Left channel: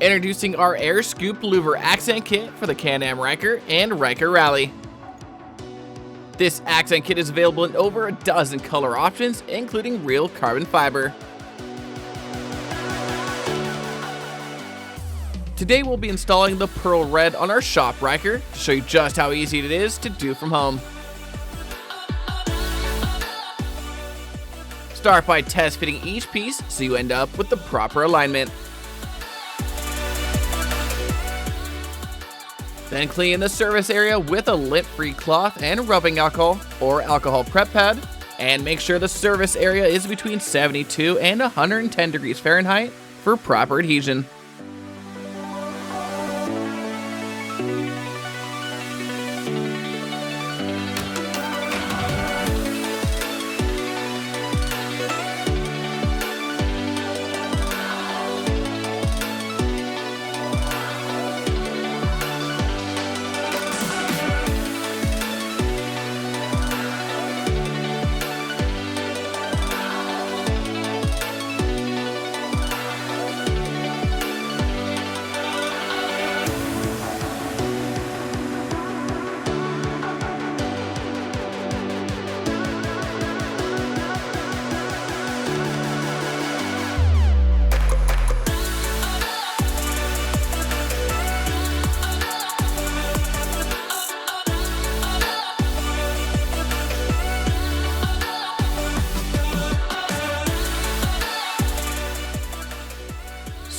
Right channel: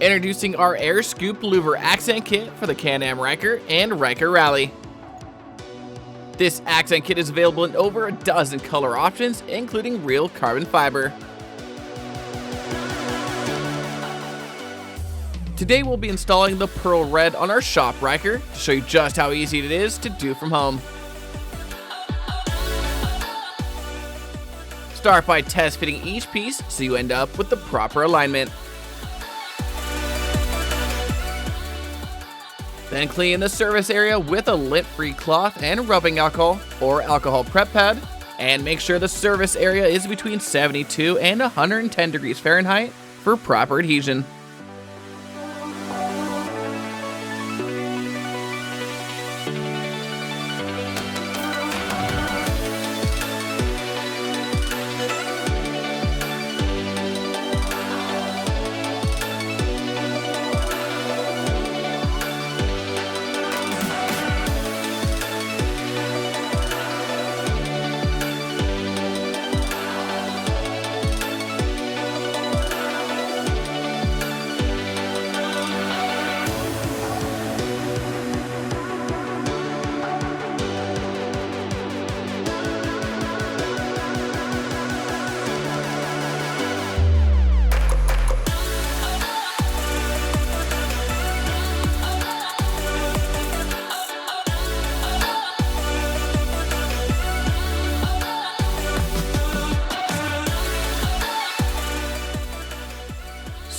Introducing our Air Scoop Louver accent kit for the Can-am Ryker and Ryker Rally. This accent kit is available in over a dozen color options, including real carbon fiber. Today we'll be installing the Pearl Red on our shop Ryker to show you just how easy it is to do from home. Start by test fitting each piece so you end up with the proper alignment. Then clean the surface area with a lint-free cloth and rubbing alcohol or alcohol prep pad, and make sure the surface area is between 72 and 110 degrees Fahrenheit for proper adhesion.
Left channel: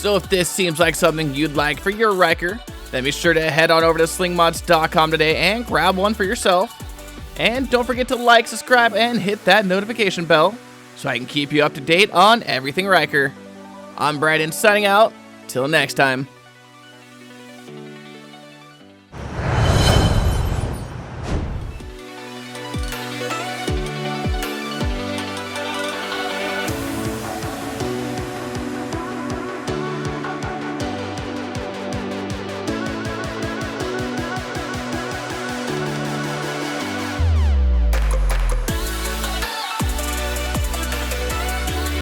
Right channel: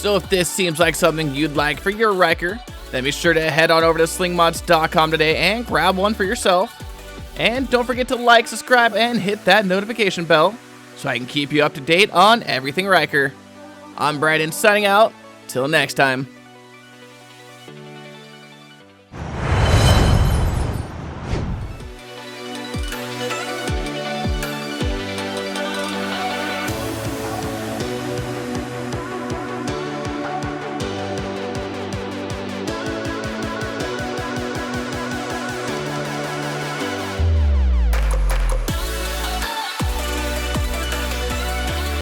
So if this seems like something you'd like for your Ryker, then be sure to head on over to slingmods.com today and grab one for yourself. And don't forget to like, subscribe, and hit that notification bell so I can keep you up to date on everything Ryker. I'm Brandon signing out. Till next time.